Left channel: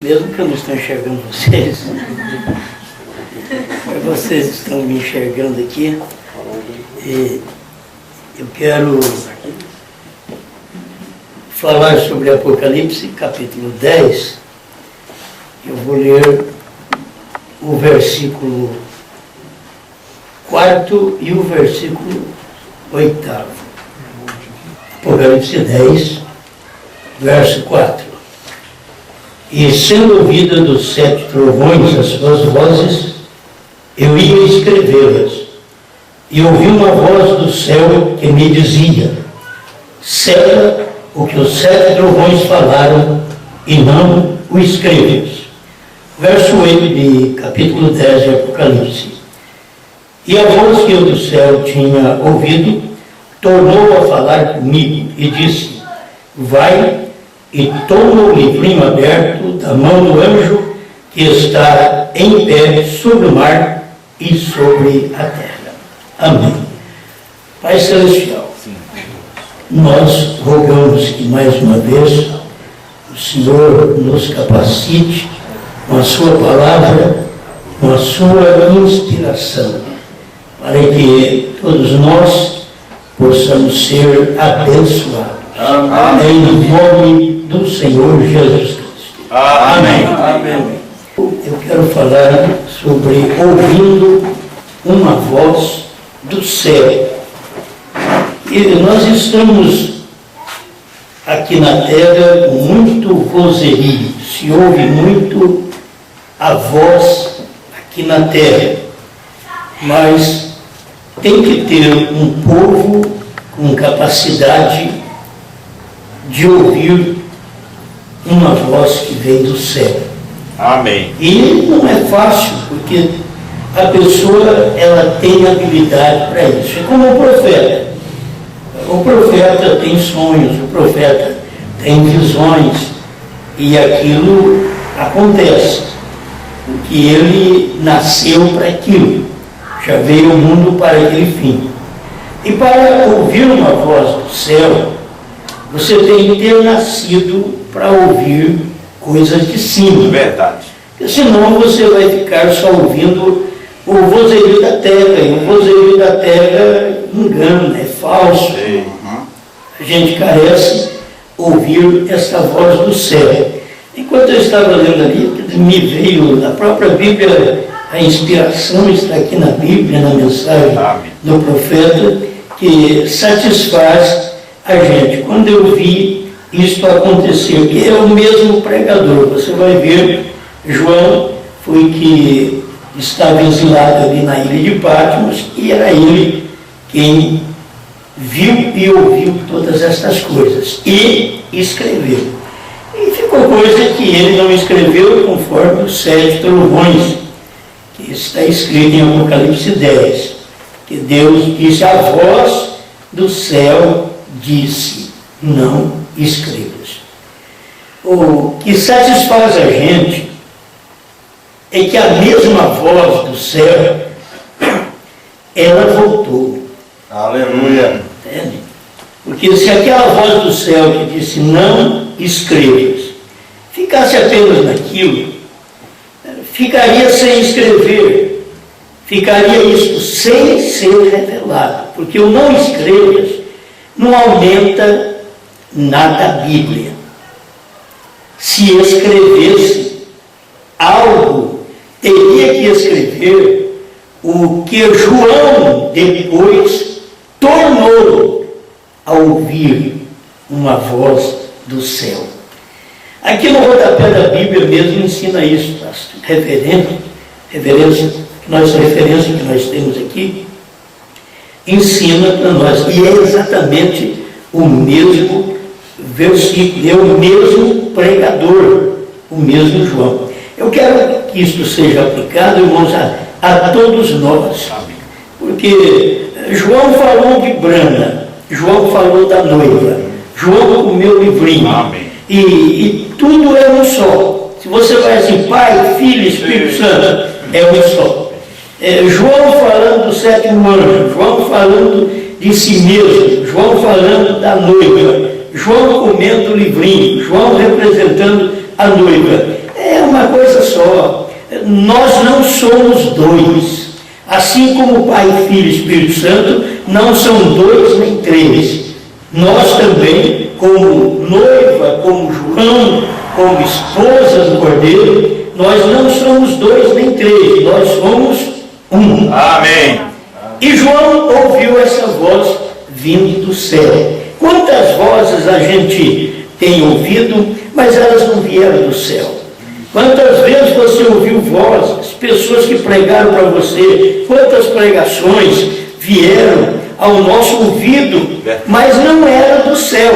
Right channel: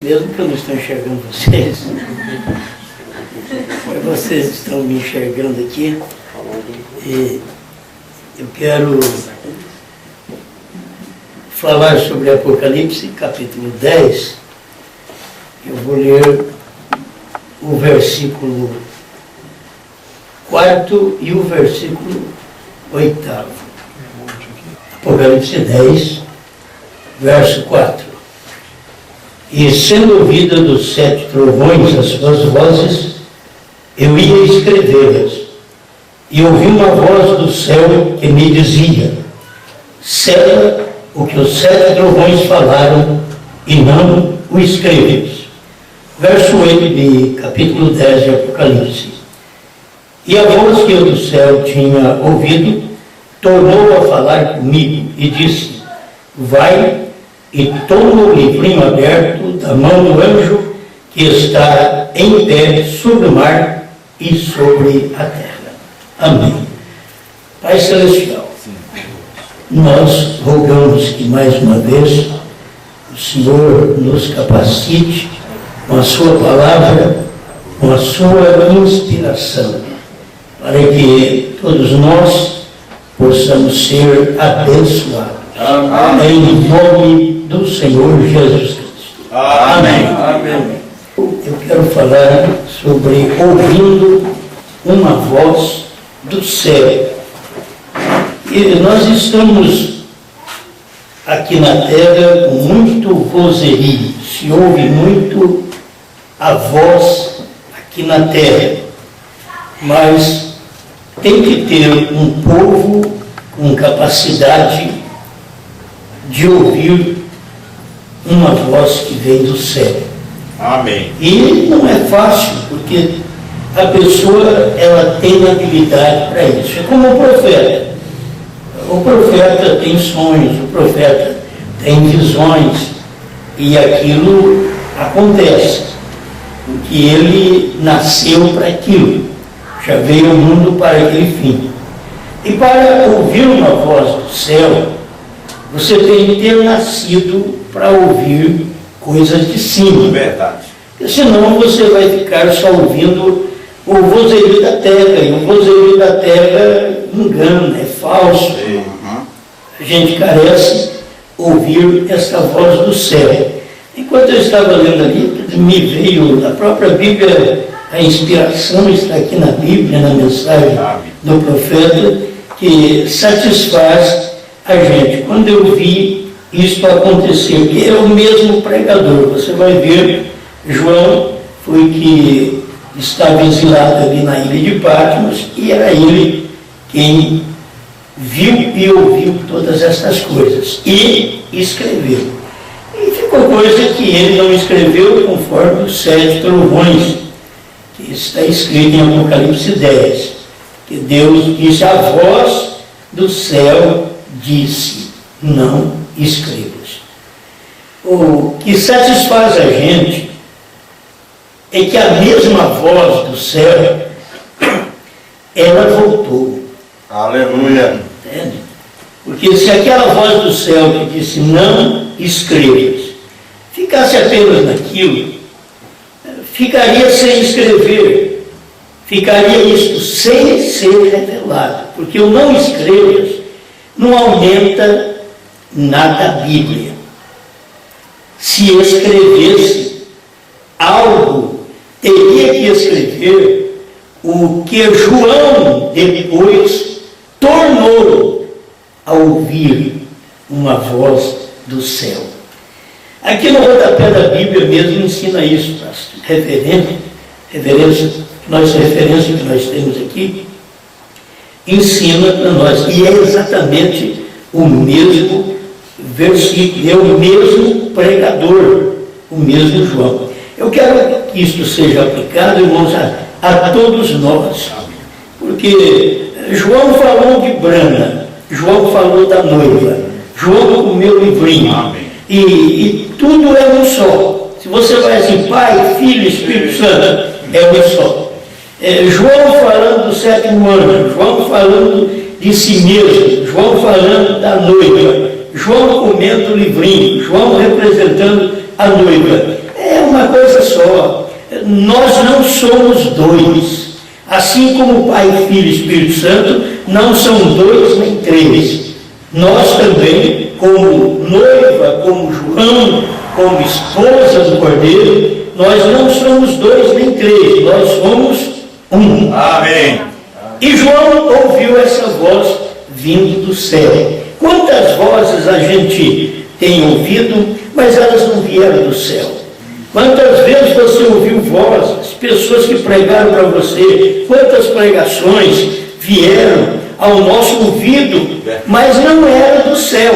Mesmo que eu não estou enxergando vocês, mas vocês estão me enxergando aqui, e eu quero falar sobre Apocalipse, capítulo 10. Eu vou ler o versículo 4 e o versículo 8. Apocalipse 10, verso 4. E sendo ouvida dos 7 trovões as suas vozes, eu ia escrevê-las. E ouvi uma voz do céu que me dizia: sela o que os 7 trovões falaram e não o escrevas. Verso 8 de capítulo 10 de Apocalipse. E a voz que eu do céu tinha ouvido tornou a falar comigo e disse: vai e toma o livrinho aberto da mão do anjo que está em pé sobre o mar e sobre a terra. Amém. Pai Celestial, nós rogamos que mais uma vez o Senhor nos capacite com a sua palavra, com a sua inspiração, para que todos nós possamos ser abençoados. Amém. Em nome do Senhor Jesus Cristo. Amém. Amém. Eu quero falar sobre ouvindo uma voz do céu. E nós estamos aqui na terra com muito vozerio. Se ouve muito a voz aqui na terra. Mas tem que ter um povo com capacidade de ouvir uma voz que vem do céu. Amém. E não é fácil, porque a pessoa ela tem habilidade para isso. É como o profeta. O profeta tem sonhos, o profeta tem visões, e aquilo acontece, porque ele nasceu para aquilo, já veio ao mundo para aquele fim. E para ouvir uma voz do céu, você tem que ter nascido para ouvir coisas de cima. Verdade. Porque senão você vai ficar só ouvindo o vozerio da terra. E o vozerio da terra engana, é falso. A gente carece ouvir essa voz do céu. Enquanto eu estava lendo ali, me veio da própria Bíblia, a inspiração está aqui na Bíblia, na mensagem do profeta, que satisfaz a gente. Quando eu vi isto acontecer, que é o mesmo pregador, você vai ver, João foi que estava exilado ali na ilha de Patmos, e era ele quem viu e ouviu todas estas coisas, e escreveu. E ficou coisa que ele não escreveu, conforme os 7 trovões, que está escrito em Apocalipse 10, que Deus disse: a voz do céu disse: não escrevas. O que satisfaz a gente é que a mesma voz do céu, ela voltou. Aleluia. Entende? Porque se aquela voz do céu que disse não escrevas ficasse apenas naquilo, ficaria sem escrever, ficaria isto sem ser revelado, porque o não escrevas não aumenta nada a Bíblia. Se escrevesse algo, teria que escrever o que João depois tornou a ouvir uma voz do céu. Aqui no rodapé da Bíblia mesmo ensina isso, a referência que nós temos aqui, ensina para nós, e é exatamente o mesmo versículo, é o mesmo pregador, o mesmo João. Eu quero que isto seja aplicado, irmãos, a todos nós, porque João falou de Brana, João falou da noiva, João comeu o livrinho, e tudo é um só. Se você vai assim, Pai, Filho, Espírito Santo, é um só. João falando do 7º anjo, João falando de si mesmo, João falando da noiva, João comendo o livrinho, João representando a noiva. É nós não somos dois. Assim como Pai, Filho e Espírito Santo não são dois nem três. Nós também, como noiva, como João, como esposa do Cordeiro, nós não somos dois nem três, nós somos um. Amém. E João ouviu essa voz vindo do céu. Quantas vozes a gente tem ouvido, mas elas não vieram do céu? Quantas vezes você ouviu vozes, pessoas que pregaram para você, quantas pregações vieram ao nosso ouvido, mas não eram do céu.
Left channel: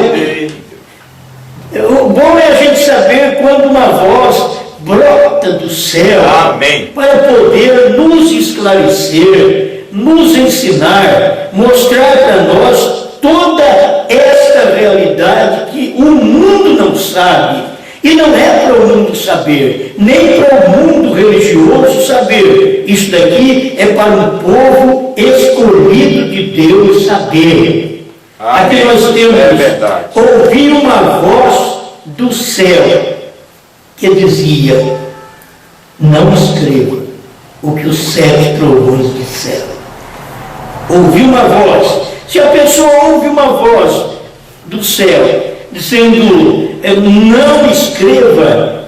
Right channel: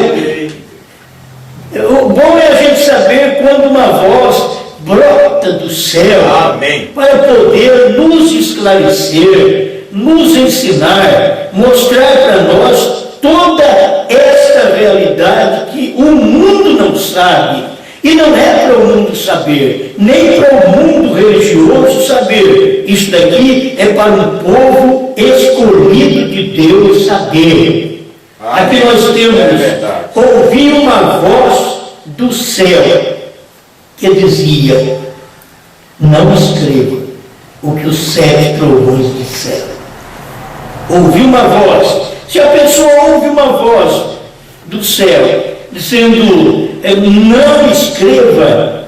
O bom é a gente saber quando uma voz brota do céu. Amém. Para poder nos esclarecer, nos ensinar, mostrar para nós toda esta realidade que o mundo não sabe. E não é para o mundo saber, nem para o mundo religioso saber. Isto daqui é para um povo escolhido de Deus saber. Amém. Aqui nós temos, ouvi uma voz do céu que dizia: não escreva o que os 7 trovões disseram. Ouvi uma voz. Se a pessoa ouve uma voz do céu dizendo não escreva,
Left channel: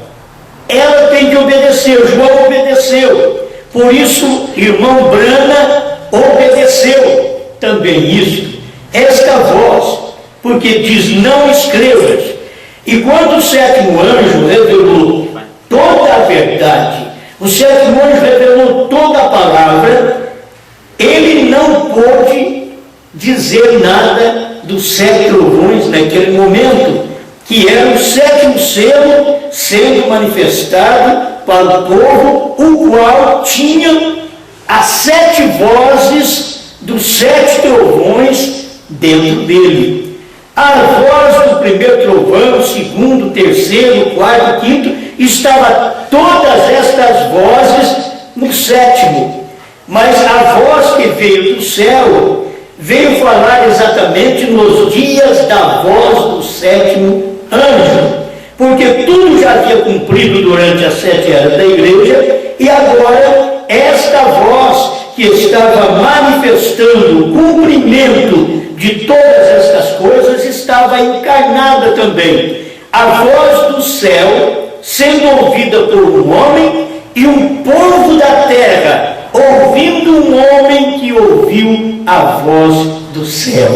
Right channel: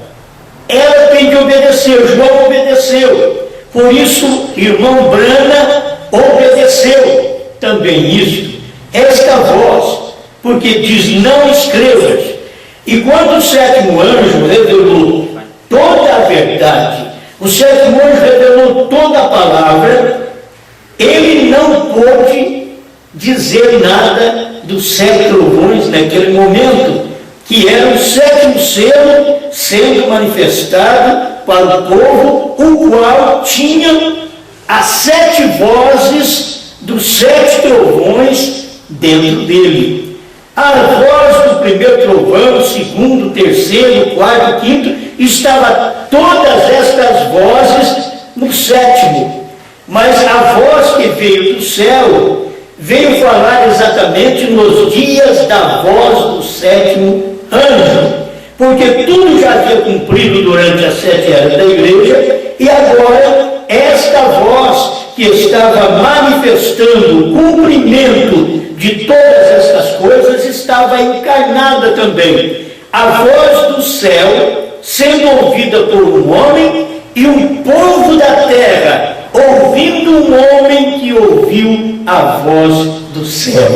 ela tem que obedecer. João obedeceu. Por isso, irmão Brana obedeceu também isto, esta voz, porque diz não escrevas. E quando o 7º anjo revelou toda a verdade, o 7º anjo revelou toda a palavra, ele não pôde dizer nada dos 7 trovões naquele momento, que era o 7º selo sendo manifestado para o povo, o qual tinha as 7 vozes dos 7 trovões dentro dele. A voz do primeiro trovão, segundo, terceiro, quarto, quinto, estava todas estas vozes no 7º. Mas a voz que veio do céu veio falar exatamente nos dias da voz do 7º anjo, porque tudo já havia cumprido durante as 7 eras da igreja, e agora esta voz que estava manifestando o cumprimento de todas estas coisas estava encarnada também. A voz do céu sendo ouvida por um homem e um povo da terra ouvindo um homem que ouviu a voz do céu.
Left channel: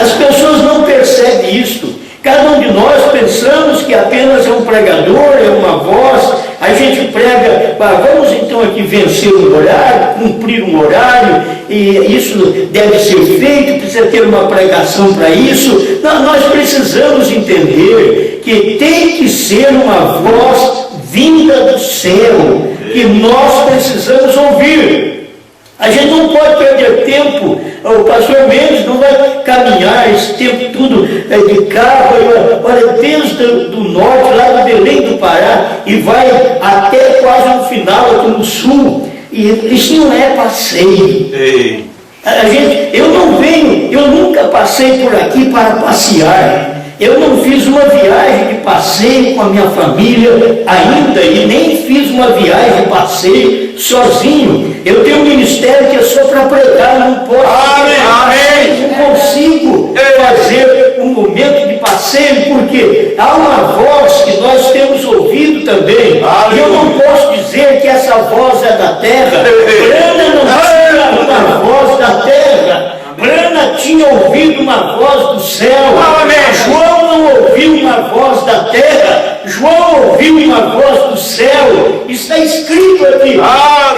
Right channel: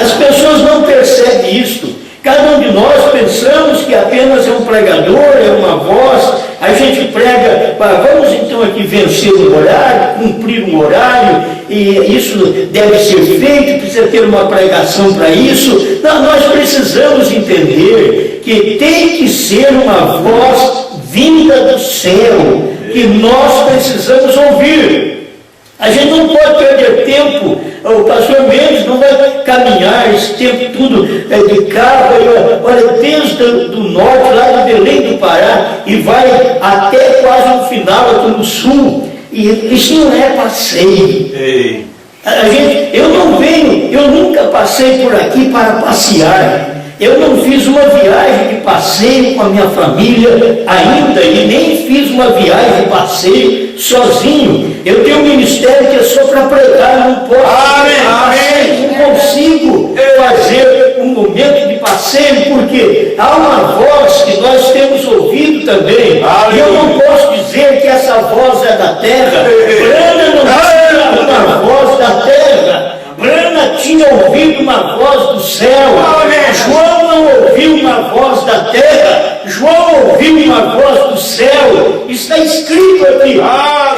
As pessoas não percebem isto. Cada um de nós pensamos que apenas é um pregador, é uma voz. A gente prega, vamos então aqui vencer um horário, cumprir um horário, e isso deve ser feito, precisa ter uma pregação para isso. Não, nós precisamos entender que tem que ser uma voz vinda do céu, que nós precisamos ouvir. A gente não pode perder tempo. O pastor Mendes não vai caminhar esse tempo tudo de carro, olha, desde o norte, lá do Belém do Pará, e vai até quase no final, aqui no sul. E isso não é passeio. Ei. Eu nunca passei por aqui para passear. Eu não fiz uma viagem de passeio com a minha família ainda, e nem fiz uma viagem de passeio sozinho. Eu tenho um ministério que é só para pregar, não posso. Amém. Não consigo fazer um momento de passeio, porque há uma voz que nós temos ouvido também. E eu não posso dizer que essa voz é da terra. Brana não tinha uma voz da terra. Brana tinha ouvido uma voz do céu. João não ouviu uma voz da terra. João ouviu uma voz do céu. Está escrito aqui.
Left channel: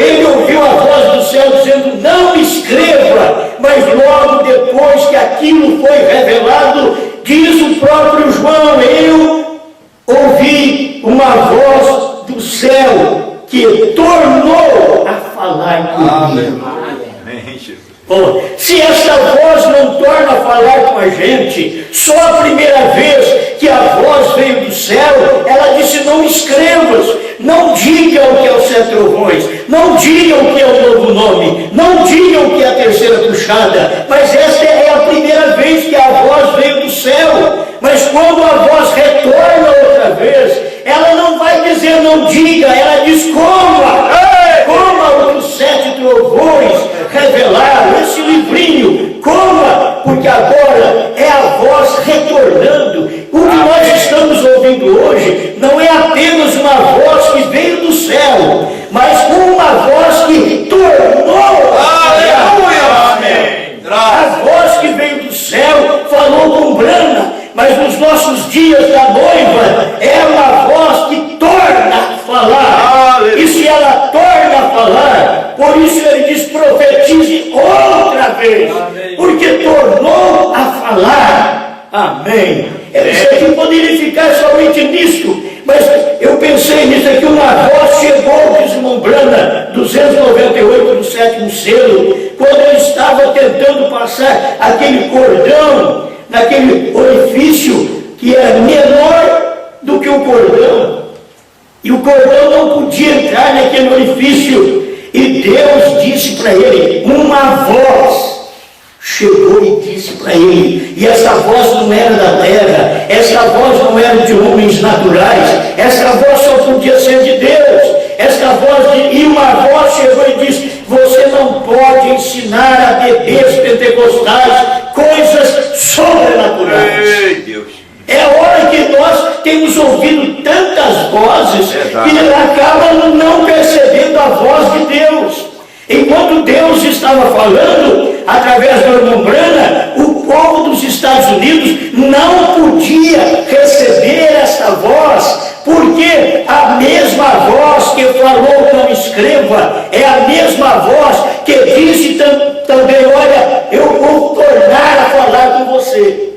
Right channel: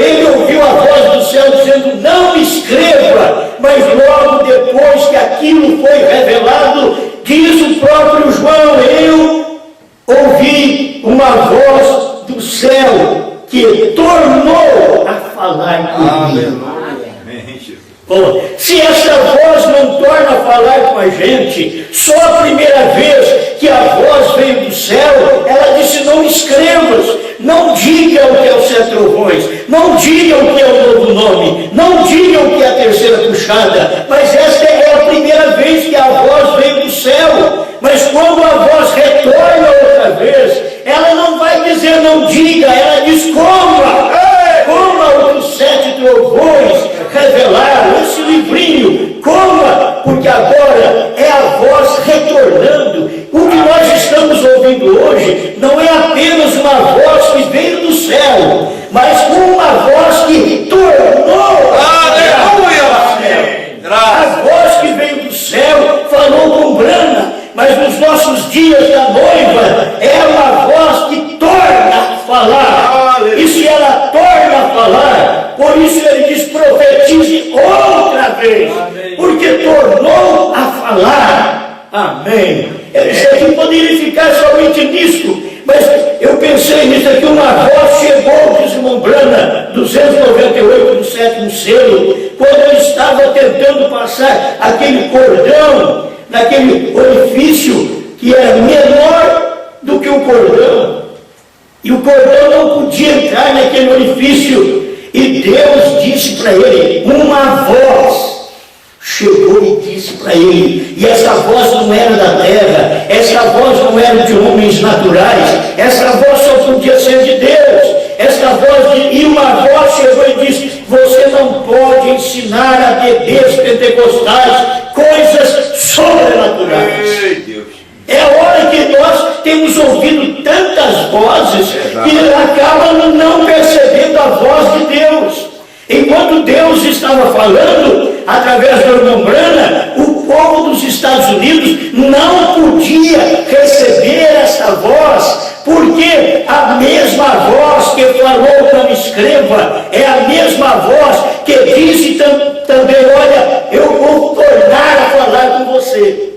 Ele ouviu a voz do céu dizendo não escreva. Mas logo depois que aquilo foi revelado, diz o próprio João: eu ouvi uma voz do céu que tornou a falar comigo. Se esta voz não torna a falar com a gente, só a primeira vez que a voz veio do céu, ela disse não escrevas, não diga o que é os 7 trovões, não diga o que é o novo nome, não diga o que é a terceira puxada, mas esta é a primeira vez que a voz veio do céu. Mas quando a voz retorna outra vez, ela não vai dizer não diga, ela diz coma. revelar esse livrinho, coma, porque agora é a voz retornando. O que nós estamos ouvindo hoje não é apenas uma voz que veio do céu, mas uma voz que tornou a voz que veio do céu, falou com Brana, mas nos nossos dias da noiva é uma voz que torna a falar. E se ela torna a falar, por isso ele diz: profetize outra vez, porque tornou a falar. Amém. Eu sei que poderia ficar somente nisso, mas eu pensei nisso aqui. Uma voz chegou, diz o irmão Brana, 298 no 7º selo, quando ele estava tentando passar aquele cordão naquele orifício que era menor do que o cordão, e o cordão não podia entrar naquele orifício, e Deus disse para ele, uma voz chegou e disse para ele, e essa voz não era da terra, essa voz não era de homens naturais, essa voz só podia ser de Deus. E uma voz chegou e disse: você não pode ensinar a bebês pentecostais coisas sobrenaturais. É hora que nós temos ouvido tantas vozes que acabam não percebendo a voz de Deus. Enquanto Deus estava falando através do irmão Brana, o povo dos Estados Unidos não podia receber esta voz, porque a mesma voz que falou não escreva, é a mesma voz que disse também: olha, eu vou tornar a falar com você.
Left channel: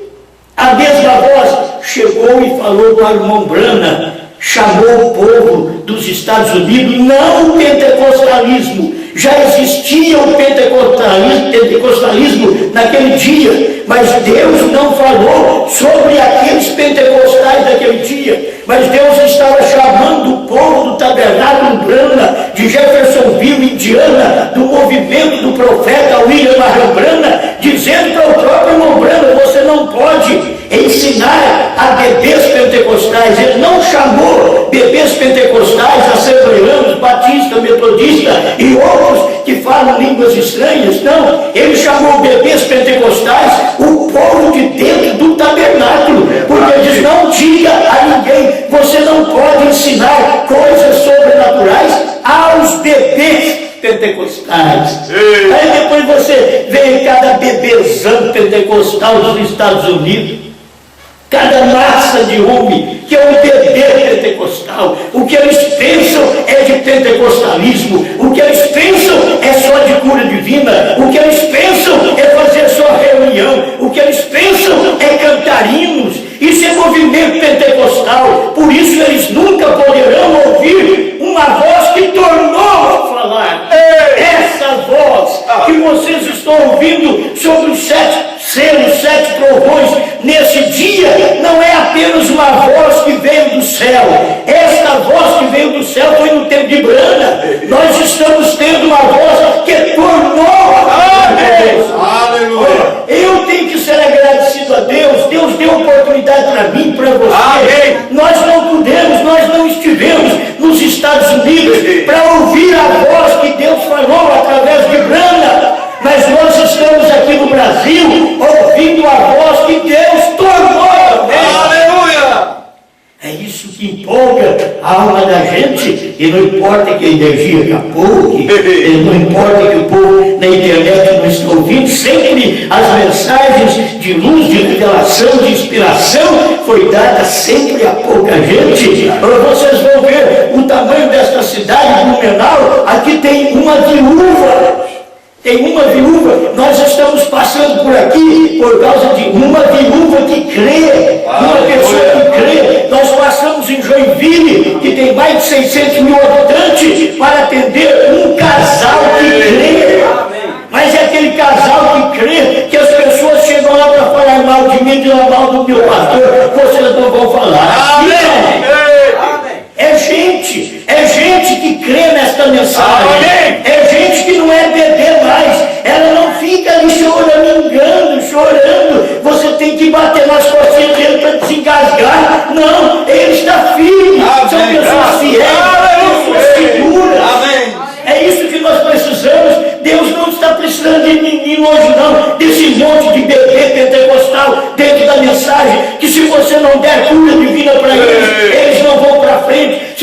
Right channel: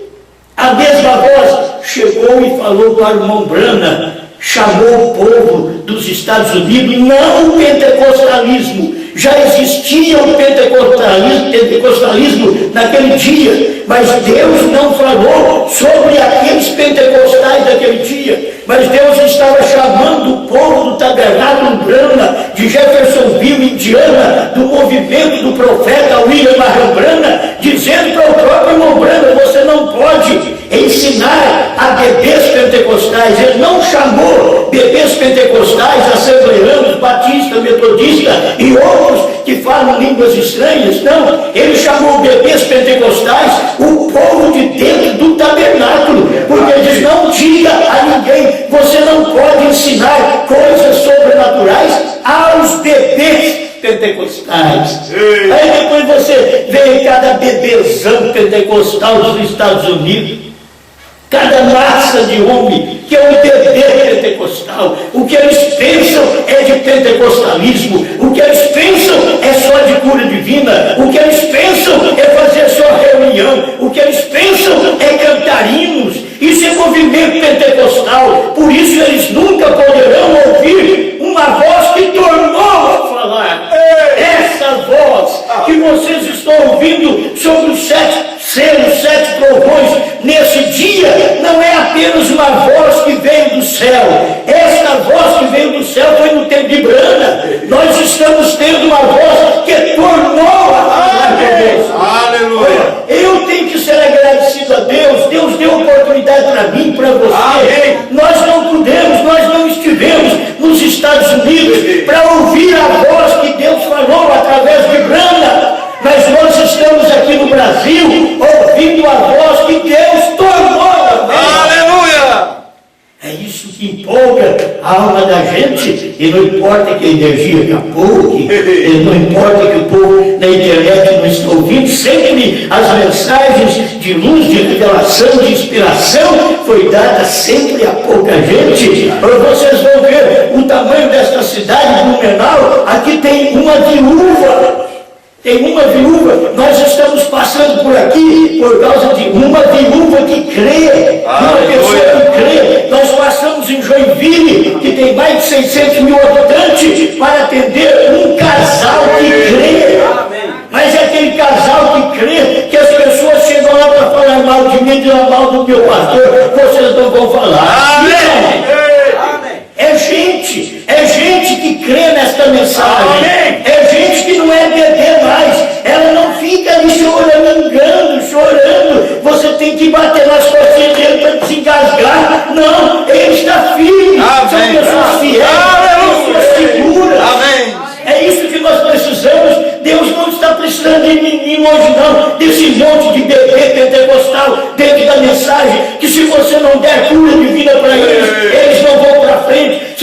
A mesma voz chegou e falou para o irmão Brana, chamou o povo dos Estados Unidos, não o pentecostalismo. Já existia o pentecostalismo naquele dia, mas Deus não falou sobre aqueles pentecostais daquele dia, mas Deus estava chamando o povo do Tabernáculo Brana, de Jeffersonville, Indiana, do movimento do profeta William Marion Brana, dizendo para o próprio irmão Brana: você não pode ensinar a bebês pentecostais. Ele não chamou bebês pentecostais, assembleanos, batistas, metodistas e outros que falam línguas estranhas. Não, ele chamou bebês pentecostais o povo de dentro do tabernáculo, porque ele diz: não diga a ninguém, você não pode ensinar coisas sobrenaturais aos bebês pentecostais. Aí depois você vê cada bebezão pentecostal dos Estados Unidos, cada massa de homem que é um bebê pentecostal. O que eles pensam é de pentecostalismo, o que eles pensam é só de cura divina, o que eles pensam é fazer só reunião, o que eles pensam é cantar hinos. Isso é movimento pentecostal. Por isso eles nunca poderão ouvir uma voz que tornou a falar. Essa voz que vocês estão ouvindo sobre os 7 selos, 7 trovões nesse dia, não é apenas uma voz que veio do céu. Esta voz que veio do céu foi no tempo de Brana. Nós estamos tendo uma voz que tornou a falar. Aleluia. Eu tenho que ser agradecido a Deus. Deus deu oportunidade para mim, para você. Amém. Nós não pudemos, nós não estivemos nos Estados Unidos para ouvir a voz que Deus falou através de Brana, mas nós estamos aqui no Brasil ouvindo a voz que Deus tornou. Aleluia! É isso que empolga a alma da gente, e não importa que a energia acabou, não importa que o povo na internet não está ouvindo, sempre as mensagens de luz, de revelação, de inspiração foi dada sempre a pouca gente. Vocês vão ver o tamanho desta cidade, Blumenau. Aqui tem uma viúva. Nós estamos passando por aqui por causa de uma viúva que crê, uma pessoa que crê. Nós passamos em Joinville, que tem mais de 600 mil habitantes, para atender um casal que crê. Mas é aquele casal que crê, que as pessoas chegam lá para falar mal de mim, falar mal do meu pastor, vocês não vão falar. É gente que crê nesta mensagem. É gente que não é bebê mais. Ela não fica ali chorando. Você tem que bater nas costinhas dele para desengasgar. Não, ele está firme. São pessoas fiéis, pessoas seguras. É isso que nós precisamos. Deus não está precisando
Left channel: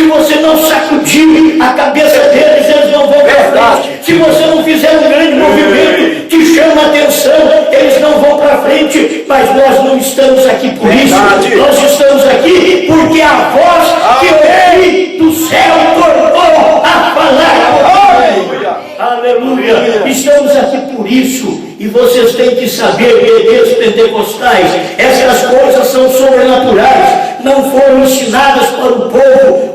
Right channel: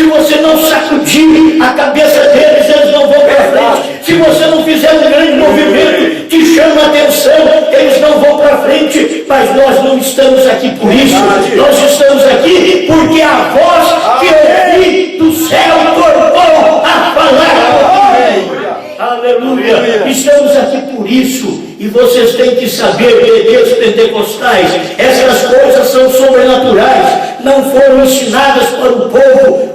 Se você não sacudir a cabeça deles, eles não vão para frente. Se você não fizer um grande movimento que chama a atenção, eles não vão para frente. Mas nós não estamos aqui por isso. Nós estamos aqui porque a voz que ouvi do céu tornou a falar comigo. Aleluia. Estamos aqui por isso. E vocês têm que saber, bebês pentecostais, essas coisas são sobrenaturais, não foram ensinadas para o povo.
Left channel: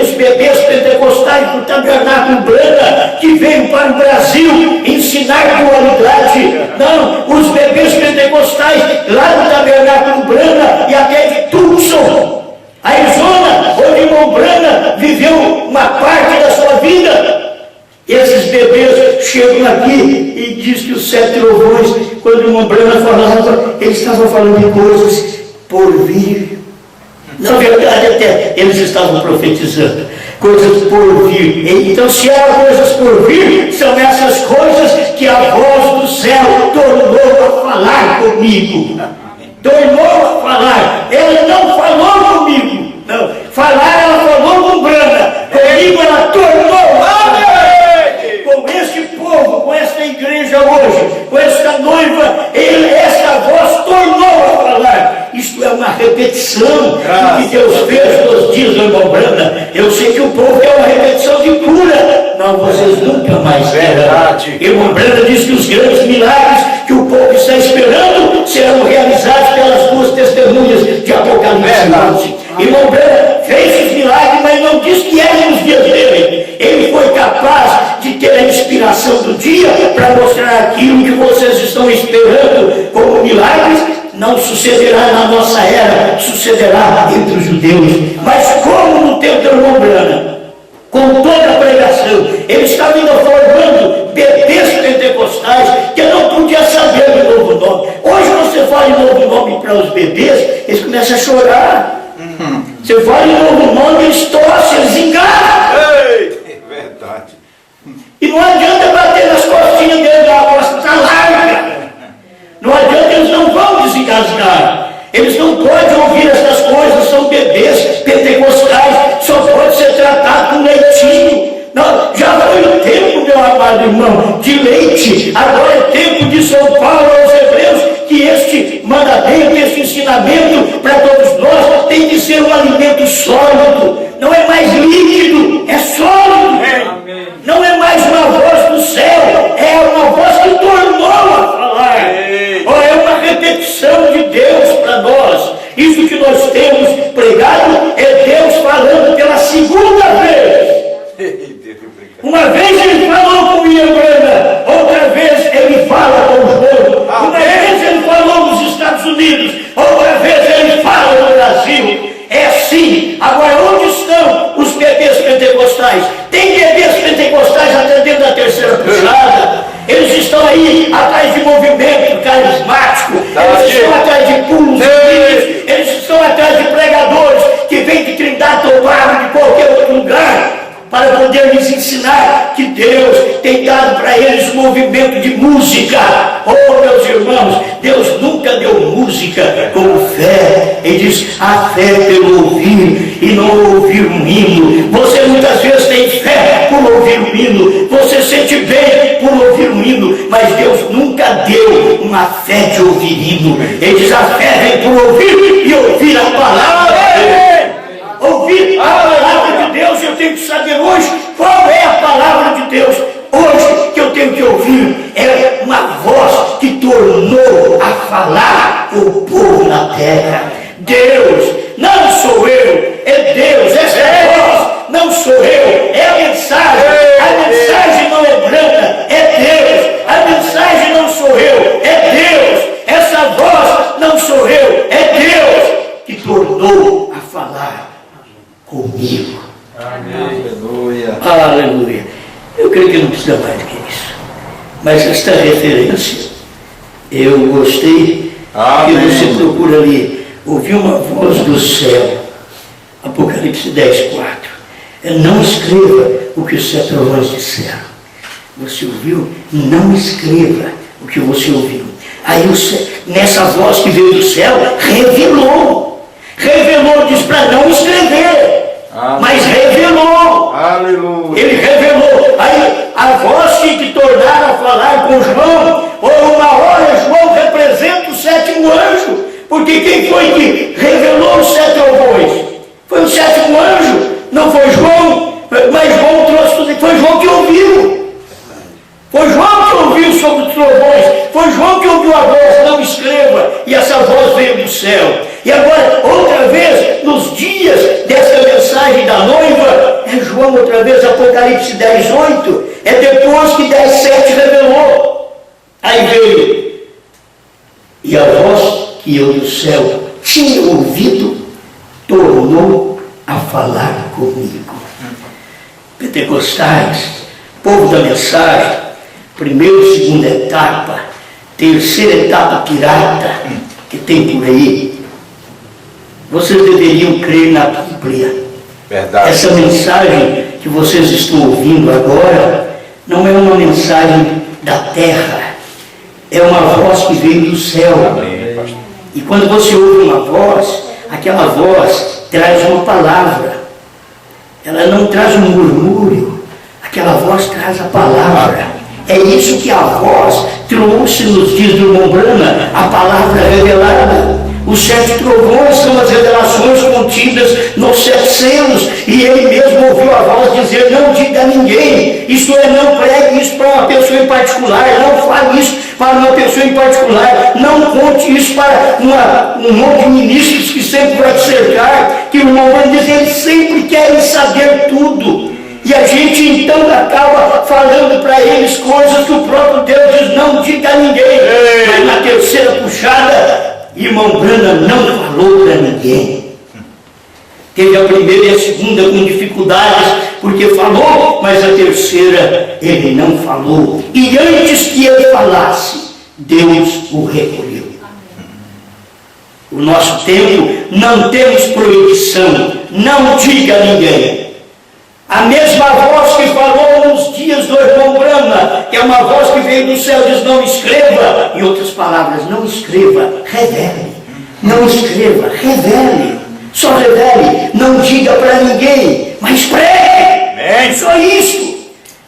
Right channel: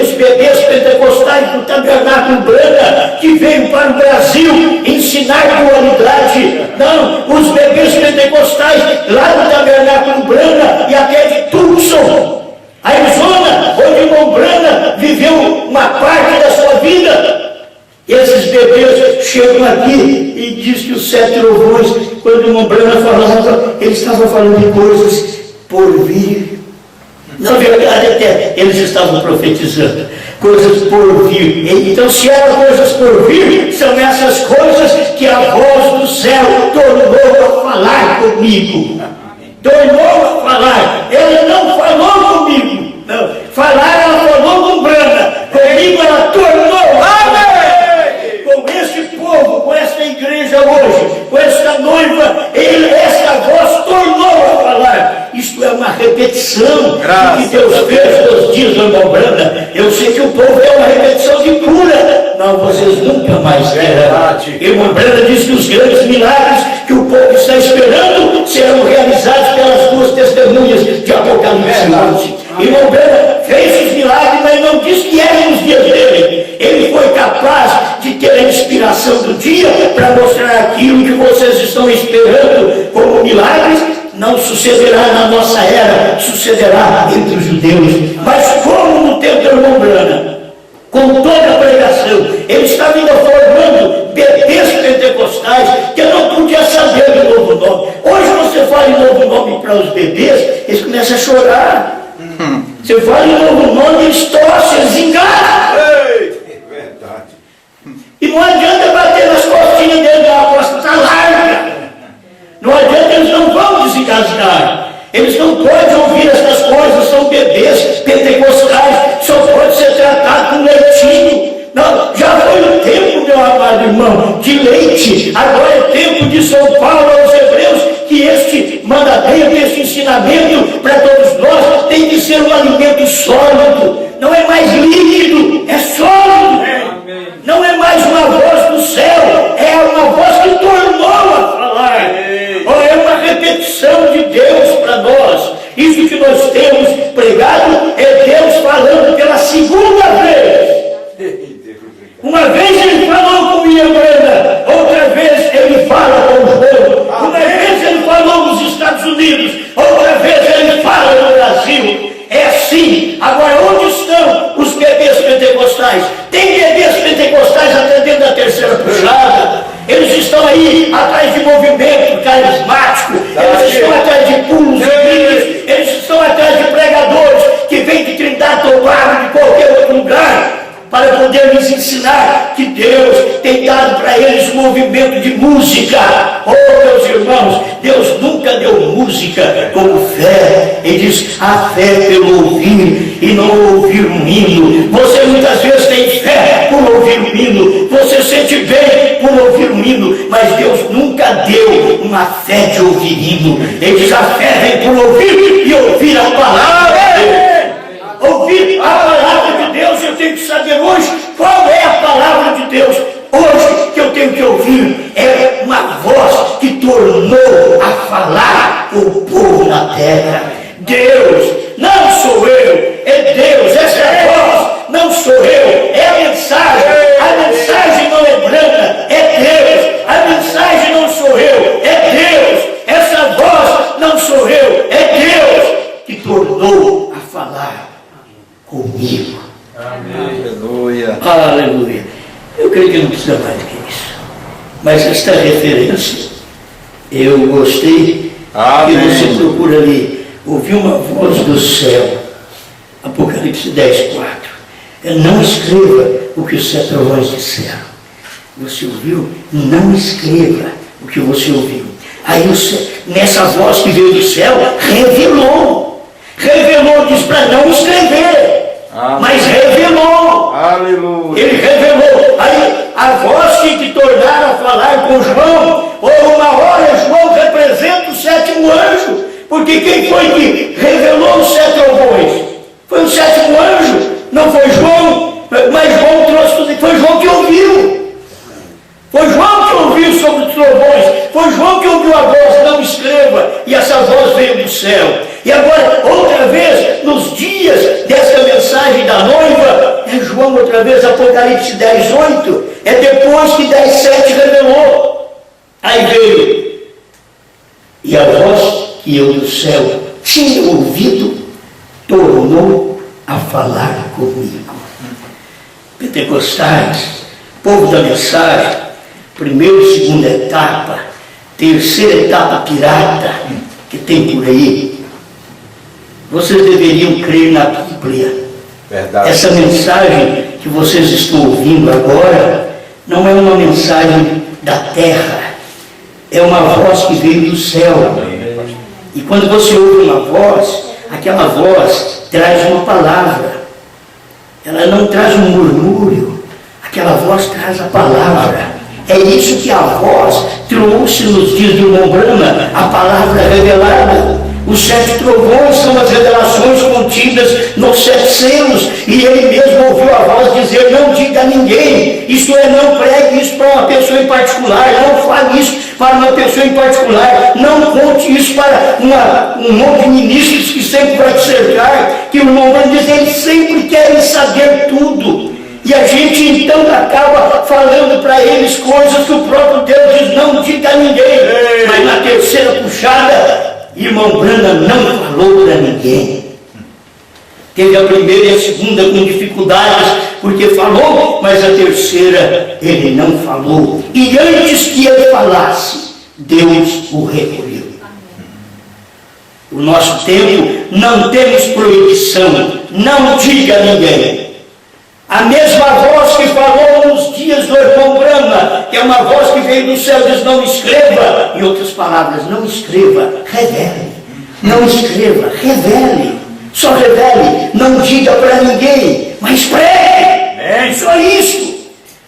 Os bebês pentecostais do Tabernáculo Brana, que veio para o Brasil ensinar dualidade. Não, os bebês pentecostais lá do Tabernáculo Brana e até de Tucson, Arizona, onde o irmão Brana viveu uma parte da sua vida. Esses bebês chegam aqui e diz que os 7 trovões, quando o irmão Brana falava, ele estava falando de coisas por vir. Na verdade, até eles estavam profetizando coisas por vir. Então, se eram coisas por vir, são essas coisas que a voz do céu tornou a falar comigo. Tornou a falar. Ela não falou comigo. Não. Falar, ela falou com Brana. Comigo, ela tornou a falar. Com este povo, com esta igreja hoje, com esta noiva, esta voz tornou a falar. Isto é uma repetição do que Deus fez nos dias do irmão Brana. Eu sei que o povo quer uma repetição de cura. Não, vocês nunca mais terão. Irmão Brana diz que os grandes milagres que o povo está esperando serão realizados pelas 2 testemunhas de Apocalipse 11. Irmão Brana fez os milagres, mas não disse que eram nos dias dele. Ele foi capaz de ter a inspiração do dia para mostrar aquilo que vocês estão esperando como milagres. Não sucederá na nossa era, sucederá entre os judeus. Mas como no tempo do irmão Brana, com toda a pregação, ele estava ainda formando bebês pentecostais que não podia saber do novo nome. Hoje você fala em novo nome para os bebês, eles começam a chorar. Você fala em novo nome, eles tossem, eles enganam. Verdade. E não adianta bater nas costinhas dele, a costa está larga. Não adianta, eles não vão desengasgar. Eles não podem ouvir essas coisas, são bebês pentecostais, só pode ser tratado com leitinho. Não, já foi o tempo, meu amado irmão, de leite. Agora é tempo de São Paulo aos Hebreus, que este mandamento, este ensinamento para todos nós tem que ser um alimento sólido. Não é mais líquido, é sólido. Não é mais uma voz do céu, é uma voz que tornou a falar. É uma repetição de Deus para nós. Isso que nós temos pregado é Deus falando pela segunda vez. Uma vez ele falou com William Brana, outra vez ele fala com o povo. Uma vez ele falou nos Estados Unidos, outra vez ele fala no Brasil. É assim. Agora, onde estão os bebês pentecostais? Tem bebês pentecostais até dentro da terceira puxada. Eles estão aí atrás de movimento carismático. Eles estão atrás de pulos e brilhos. Eles estão atrás de pregadores que vêm de Trindade, Tobago, de qualquer outro lugar, para poder lhes ensinar que Deus tem dado para eles um movimento de música. Oh, meus irmãos, Deus nunca deu música como fé. Ele diz, a fé pelo ouvir e não ouvir um hino. Você muitas vezes tem fé por ouvir um hino, você sente bem por ouvir um hino, mas Deus nunca deu uma fé de ouvir hino. Ele diz, a fé vem por ouvir e ouvir a palavra de Deus. Ouvir a palavra de Deus, eu tenho que saber hoje qual é a palavra de Deus. Hoje que eu tenho que ouvir é uma voz que tornou a falar o povo na terra. Deus, não sou eu, é Deus, essa é a voz, não sou eu, é a mensagem. A mensagem não é Brana, é Deus. A mensagem não sou eu, é Deus. Essa voz não sou eu, é Deus que tornou a falar comigo. Amém. Aleluia. Aleluia. Eu creio que não precisa mais do que isso. Mas esta referência, eu gostei. Amém. Que você procura ali, ouvir uma voz do céu. Apocalipse 10:4. Não escreva o que os 7 trovões disseram. Você ouviu? Não escreva o que você ouviu. Aí nessa voz que veio do céu, revelou, diz para não escrever. mas revelou. Aleluia. Ele revelou. Aí a voz tinha que tornar a falar com João. Ou uma hora João representa o sétimo anjo. Porque quem foi que revelou os 7 trovões? Foi o sétimo anjo. Não foi João. Mas João trouxe tudo. Foi João que ouviu. Foi João que ouviu sobre os trovões. Foi João que ouviu a voz, não escreva. E essa voz veio do céu. E agora, outra vez, nos dias desta mensagem da noiva, é João outra vez, Apocalipse 10:8. É depois que 10:7 revelou. Aí veio. E a voz que eu do céu tinha ouvido, tornou a falar comigo. Pentecostais, povo da mensagem, primeira e segunda etapa, terceira etapa pirata que tem por aí. Vocês deveriam crer na Bíblia. Verdade. Essa mensagem que vocês estão ouvindo agora não é uma mensagem da terra, é uma voz que veio do céu. E quando você ouve uma voz, aquela voz traz uma palavra. Ela não traz um murmúrio, aquela voz traz a palavra. É isso que a voz trouxe nos dias do irmão Brana, a palavra revelada. Os 7 trovões são as revelações contidas nos 7 selos. E ele mesmo ouviu a voz dizer: não diga a ninguém. Isto é, não pregue isso para uma pessoa em particular. Não fale isso para uma pessoa em particular. Não conte isso para um monte de ministros que sempre vai te cercar. Que o irmão Brana diz: eles sempre querem saber tudo. E a gente então acaba falando para eles coisas que o próprio Deus diz: não diga a ninguém. Mas na terceira puxada, irmão Brana não falou para ninguém. Teve a primeira e a segunda com dificuldades, porque falou, mas a terceira ele não falou. E antes que ele falasse, Deus o recolheu. O nosso tempo não temos proibição, não diga a ninguém. A mesma voz que falou nos dias do irmão Brana, que é uma voz que veio do céu, diz: não escreva. Em outras palavras, não escreva, revele. Não escreva, revele. Só revele, não diga para ninguém, mas pregue. Só isso.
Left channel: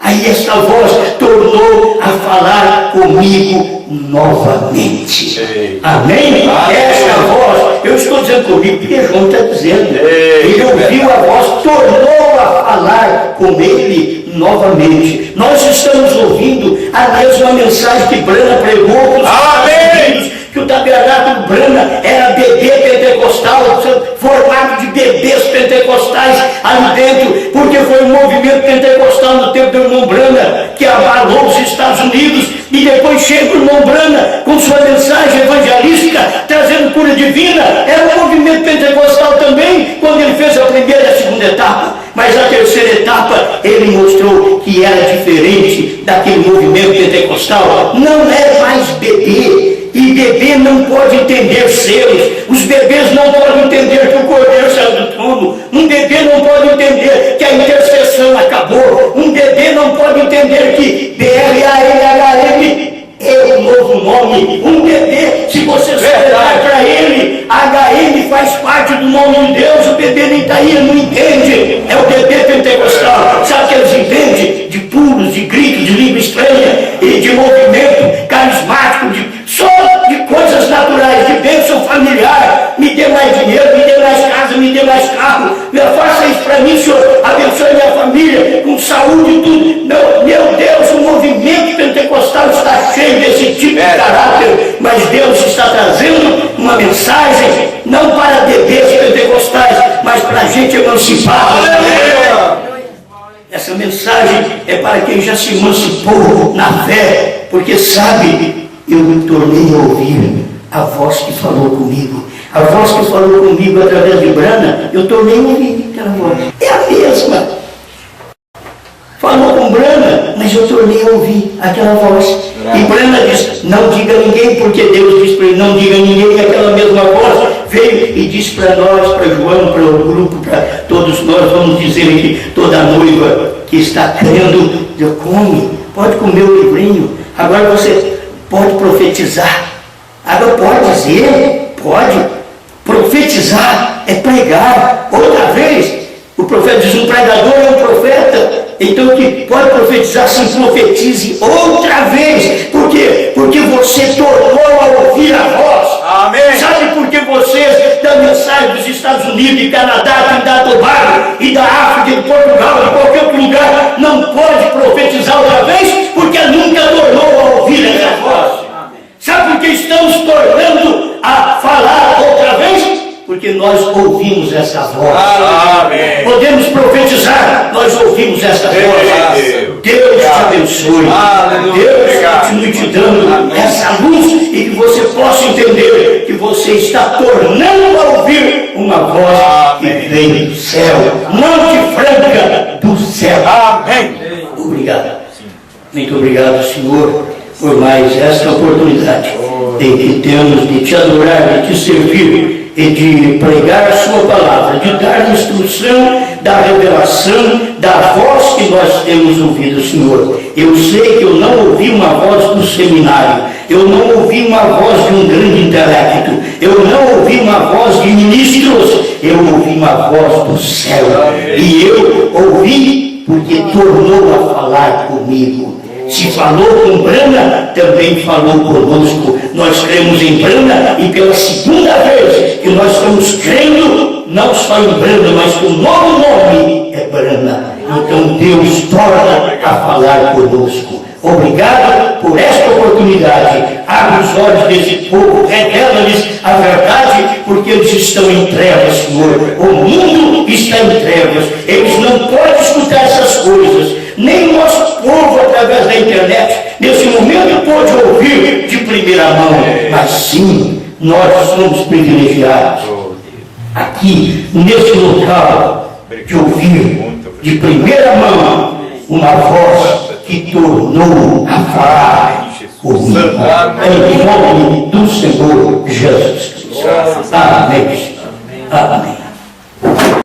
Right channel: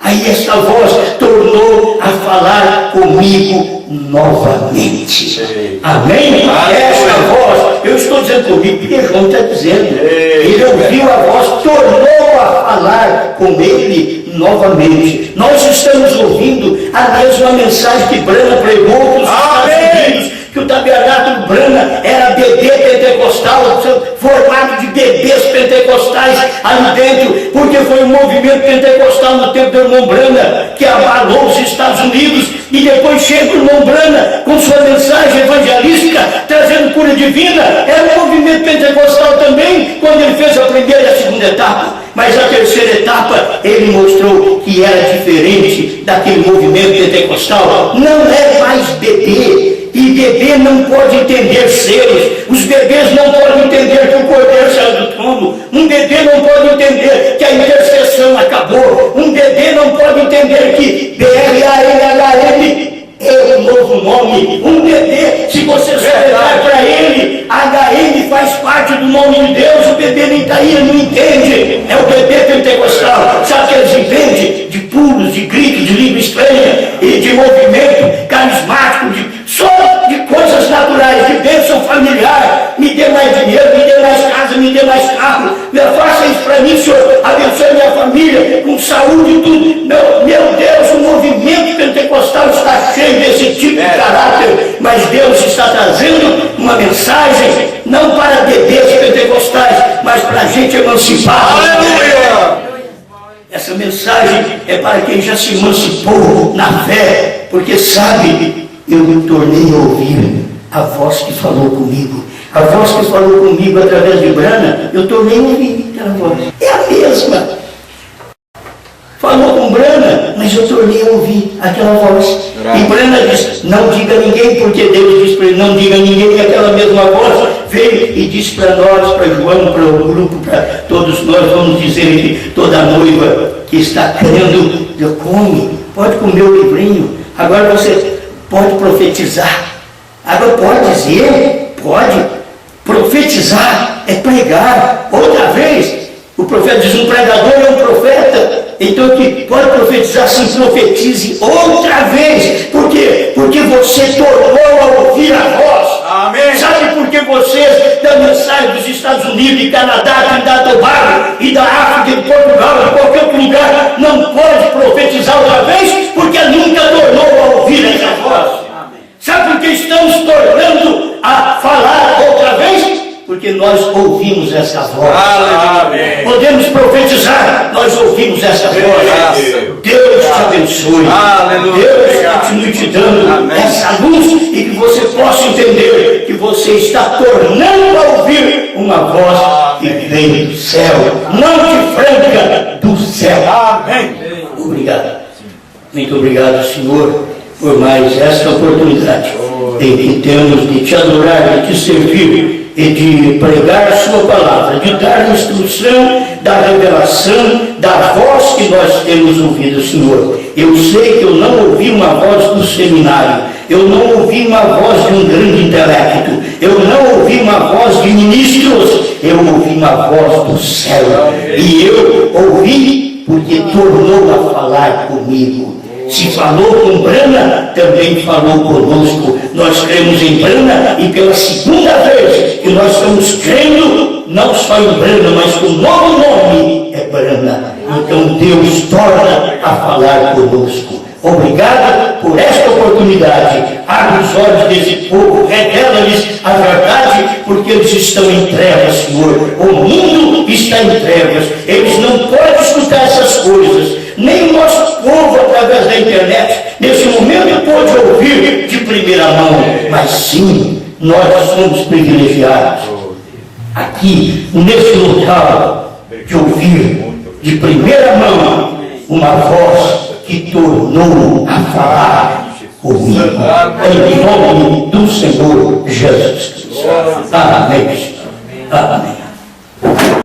Aí esta voz tornou a falar comigo novamente. Amém? Esta voz, eu estou dizendo comigo, porque João está dizendo. Ele ouviu a voz, tornou a falar com ele novamente. Nós estamos ouvindo a mesma mensagem que Brana pregou para os Estados Unidos, que o tabernáculo Brana era bebê pentecostal, formado de bebês pentecostais ali dentro, porque foi um movimento pentecostal no tempo do irmão Brana que abalou os Estados Unidos. E depois chega o irmão Brana com sua mensagem evangelística, trazendo cura divina. Era um movimento pentecostal também, quando ele fez a primeira e a segunda etapa. Mas a terceira etapa, ele mostrou que era diferente daquele movimento pentecostal. Não é mais bebê. E bebê não pode entender selos. Os bebês não podem entender que o Cordeiro saiu do trono. Um bebê não pode entender que a intercessão acabou. Um bebê não pode entender que BRANHM é o novo nome. Um bebê, se você olhar para ele, HM faz parte do nome de Deus. O bebê nem está aí, ele não entende. É o bebê pentecostal. Sabe o que eles entendem? De pulos, de gritos, de língua estranha e de movimento carismático, só de coisas naturais, de bênção familiar. Me dê mais dinheiro, me dê mais casa, me dê mais carro. Faça isso para mim, Senhor. Abençoe minha família com saúde e tudo. Meu Deus, o movimento pentecostal está cheio desse tipo de caráter. Mas Deus está trazendo uma mensagem, não para bebês pentecostais, mas para a gente emancipada. Essa mensagem é para quem já se emancipou na fé, porque sabe, eu me tornei a ouvir a voz que falou comigo. A voz que falou comigo através de Brana, eu tornei a ouvir aquela voz. É a mesma. Falou com Brana, mas eu tornei a ouvir aquela voz. E Brana diz: não diga a ninguém, porque Deus disse para ele: não diga a ninguém. E aquela mesma voz veio e disse para nós, para João, para o grupo, para todos nós: vamos dizer que toda noiva que está crendo, come, pode comer o livrinho. Agora você pode profetizar. Agora pode dizer, pode. Profetizar é pregar. Outra vez, O profeta diz, um pregador é um profeta, então que pode profetizar, sim, profetize outra vez. Por quê? Porque você tornou a ouvir a voz. Amém. Sabe por que vocês da mensagem dos Estados Unidos, de Canadá, Trinidad e Tobago, e da África, de Portugal, de qualquer outro lugar, não pode profetizar outra vez? Porque nunca tornou a ouvir essa voz. Sabe por que estamos tornando a falar outra vez? Porque nós ouvimos essa voz. Amém. Podemos profetizar, nós ouvimos essa voz. Deus te abençoe. Aleluia. Deus continue te dando essa luz e que você possa entender que você está tornando a ouvir uma voz que vem do céu, não de franca, do céu. Amém. Obrigado. Muito obrigado, Senhor, por mais esta oportunidade em que temos de te adorar, de te servir e de pregar a sua palavra, de dar instrução da revelação da voz que nós temos ouvido, Senhor. Eu sei que eu não ouvi uma voz do seminário, eu não ouvi uma voz de um grande intelecto, eu não ouvi uma voz de ministros, eu ouvi uma voz do céu. E eu ouvi porque tornou a falar comigo. Se falou com Brana, também falou conosco. Nós cremos em Brana e pela segunda vez que nós estamos crendo, não só em Brana, mas com o novo nome é Brana. Então Deus torna a falar conosco. Obrigado por esta oportunidade. Abre os olhos desse povo, revela-lhes a verdade, porque eles estão em trevas, Senhor. O mundo está em trevas. Eles não podem escutar essas coisas. Nem o nosso povo, através da internet, nesse momento pode ouvir de primeira mão. Mas sim, nós somos privilegiados aqui, nesse local, de ouvir de primeira mão uma voz que tornou a falar comigo. Em nome do Senhor Jesus Cristo. Amém. Amém.